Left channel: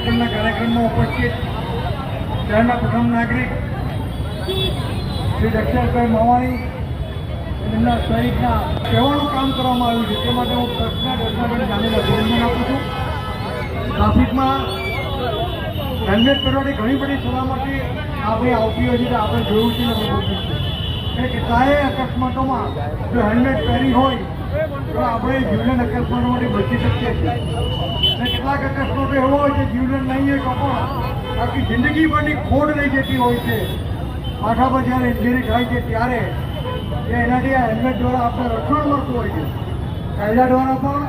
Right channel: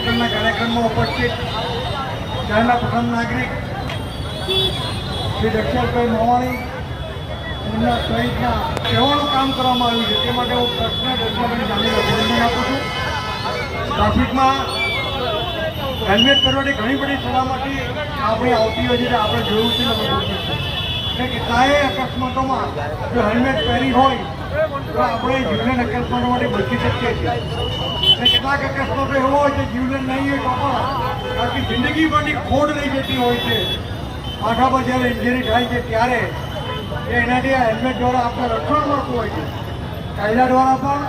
વિતરણના કાર્યક્રમમાં ઉપસ્થિત શહેરના પ્રથમ નાગરિક શ્રી દક્ષેશભાઈ મોવાણી એમના સહિતના કહેવાનું કામ કરવામાં આવ્યું છે. તે માટે હું ટ્રસ્ટના દર્શનાબેન ગાંધીને અભિનંદન આપું છું. ટ્રાફિકમાં હેલ્મેટ પહેરવાની ઘણી બધી સલામતી આપણે આવતી હોય છે આપણે જોયું છે ને આપણે જોયું છે કે કેટલાય અકસ્માતોમાં જો હેલ્મેટ પહેરી હોય તો આપણે જીવન અકસ્માતોમાંથી બચી શકીએ છીએ અને હોય છે. જીવન નહીં હોય તો પણ આખી જિંદગીભરની ખોડ લઈ જતી હોય છે. માથા પર જ્યારે ઇન્જરી થાય છે ત્યારે એનાથી આ હેલ્મેટ દ્વારા આપણે રક્ષણ મળતું હોય છે. કાયદા દ્વારા પણ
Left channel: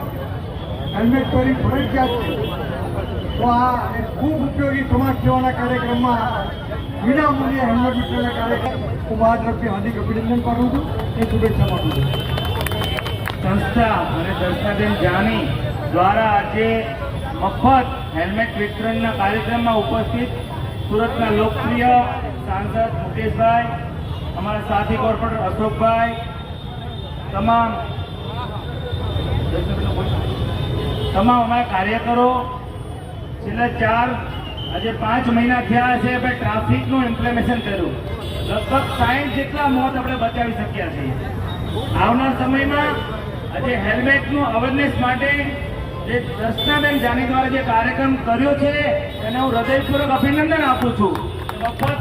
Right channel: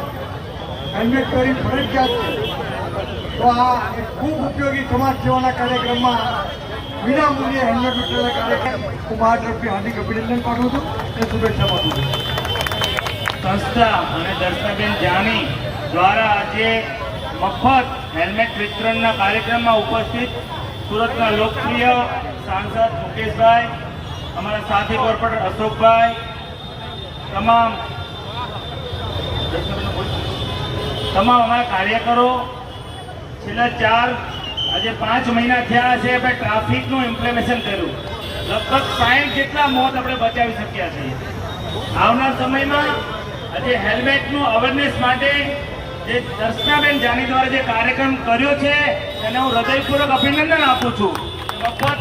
હેલ્મેટ પહેરી ફરજિયાત છે તો આ ખૂબ ઉપયોગી સમાજ સેવાના કાર્યક્રમમાં વિના મૂલ્યે હેલ્મેટ વિતરણના કાર્યક્રમ હું મારા તરફથી હાર્દિક અભિનંદન પાઠવું છું. એ શુભેચ્છા પાઠવું છું. સંસ્થા અને દર્શનાબેન જાની દ્વારા આજે મફત હેલ્મેટ વિતરણના કાર્યક્રમમાં ઉપસ્થિત સુરતના લોકપ્રિય સાંસદ મુકેશભાઈ, અમારા સાથી કોર્પોરેટર અશોકભાઈ, તમામ તમામ અમારા કાર્યકરો. છેલ્લા ચાર, આજે પાંચ મહિના થયા છે આપણે ટ્રાફિકનું ઇમ્પ્લિમેશન કર્યું. લગભગ સાઠ જેટલા મોત આપણે બચાવી શક્યા છીએ. આવનાર સમયમાં આજે હેલ્મેટનું અવેરનેસ માટે જે દર્શનાબેન જાની દ્વારા જે કાર્યક્રમ કર્યો છે, એને હું હૃદયપૂર્વક અભિનંદન આપું છું. મફત